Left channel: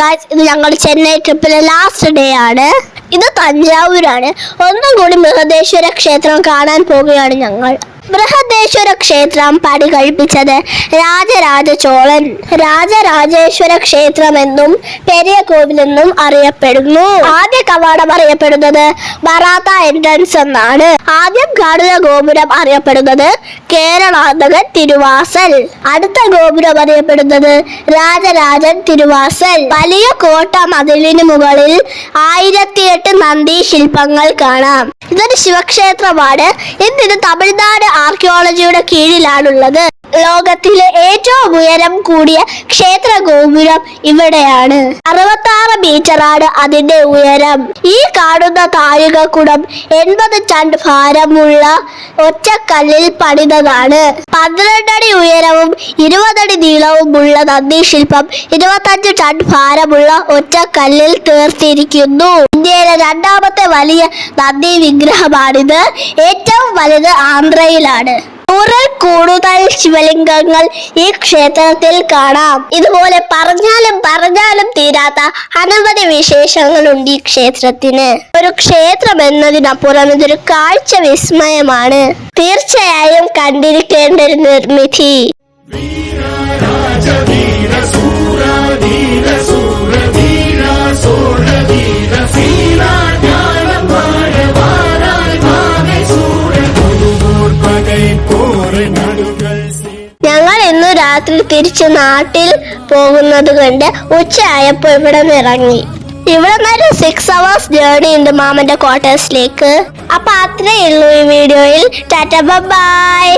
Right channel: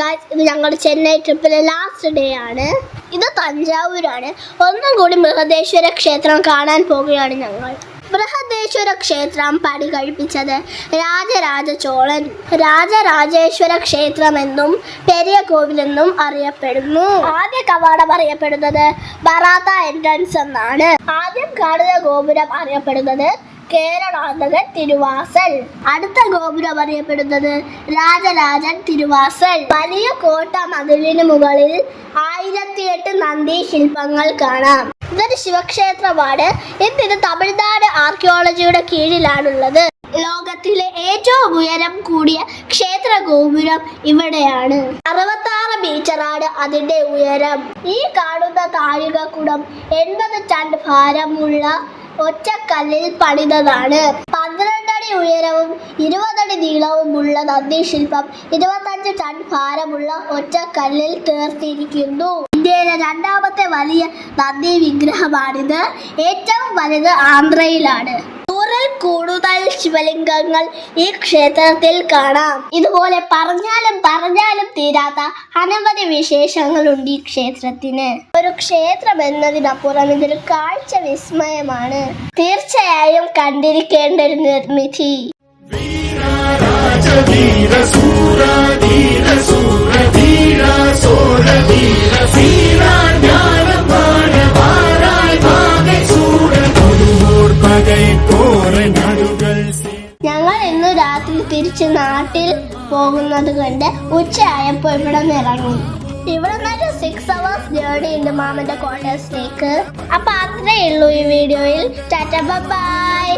Guys, ഇത് ഞങ്ങളുടെ Chennai ട്രിപ്പിലെ last day ആണ്. ഇത് തഞ്ചാവൂരാണ്. ഒന്നും കൂടി ബൃഹദേശ്വര ക്ഷേത്രം കാണാൻ പോവുകയാണ് ഞങ്ങൾ. ബൃഹദേശ്വര ക്ഷേത്രം പണി കഴിപ്പിച്ചത് രാജരാജ ചോളൻ. രാജരാജേശ്വര ക്ഷേത്രം എന്നും പെരിയ കോവിലെന്നും അറിയപ്പെടുന്നു. ആദ്യ കവാടം അറിയപ്പെടുന്നത് ബറാത്ത എൻട്രൻസ് എന്നാണ്. ആദ്യം കാണുന്ന ഗോപുരം അറിയപ്പെടുന്നത് കേരളാന്തകൻ തിരുവാസൽ. അടുത്ത ഗോപുരം അറിയപ്പെടുന്നത് രാജരാജൻ തിരുവാസൽ. വലിയ കോട്ട മതിലിന് മുകളിൽ 1008 നന്ദി ശില്പങ്ങൾ കാണാം. ഇതൊരു ശിവക്ഷേത്രമാണ്. ഇന്നിത് തമിഴ്നാട് ആർക്കിയോളജിയുടെ കീഴിലാണുള്ളത്. ലോകത്തിലെ ഏറ്റവും ഉയരം കൂടിയ ക്ഷേത്ര ഗോപുരം ഇവിടെയാണ്. 66 മീറ്ററാണ് അതിന്റെ ഉയരം. ഈ കാണുന്ന താഴികക്കുടം 80 ടൺ ഭാരമുള്ള ഒറ്റക്കല്ലിൽ പണിതതാണ്. 12 അടി ഉയരവും 20 അടി നീളവുമുള്ള നന്ദി ശില്പം 25 ടൺ ഭാരമുള്ള ഒറ്റക്കല്ലിൽ തീർത്തിരിക്കുന്നു. ഇന്ത്യയിലെ രണ്ടാമത്തെ വലിയ നന്ദി വിഗ്രഹമാണിത്. ഏറ്റവും വലുത് ആന്ധ്രയിലാണ്. 100-ൽ കൂടുതൽ ശിവലിംഗങ്ങൾ ഈ ക്ഷേത്രത്തിൽ കാണാം. ഇതുപോലെ പറഞ്ഞാലും തീരാത്ത അനവധി വിശേഷങ്ങളുണ്ട് ഈ ക്ഷേത്രത്തിന്. ഒരു ക്ഷേത്രം എന്നതിനപ്പുറം ഇതൊരു കാഴ്ച വിസ്മയമാണ്. തീർച്ചയായും കണ്ടിരിക്കേണ്ട ഒരു നിർമ്മിതി. ഞങ്ങൾ ഇന്ന് രാത്രി തിരിച്ചു നാട്ടിൽ പോകുന്നത് കൊണ്ട് ഉച്ചയായപ്പോൾ ഇവിടെ ഇറങ്ങി. ഇവിടെ നിന്നൊരു 6 hours ജേർണി ഉണ്ട് മാമന്റെ ക്വാർട്ടേഴ്സിലേക്ക്. അപ്പൊ അത്രേ ഉള്ളൂ ഈ വീഡിയോയിൽ. ടാറ്റ ബൈ.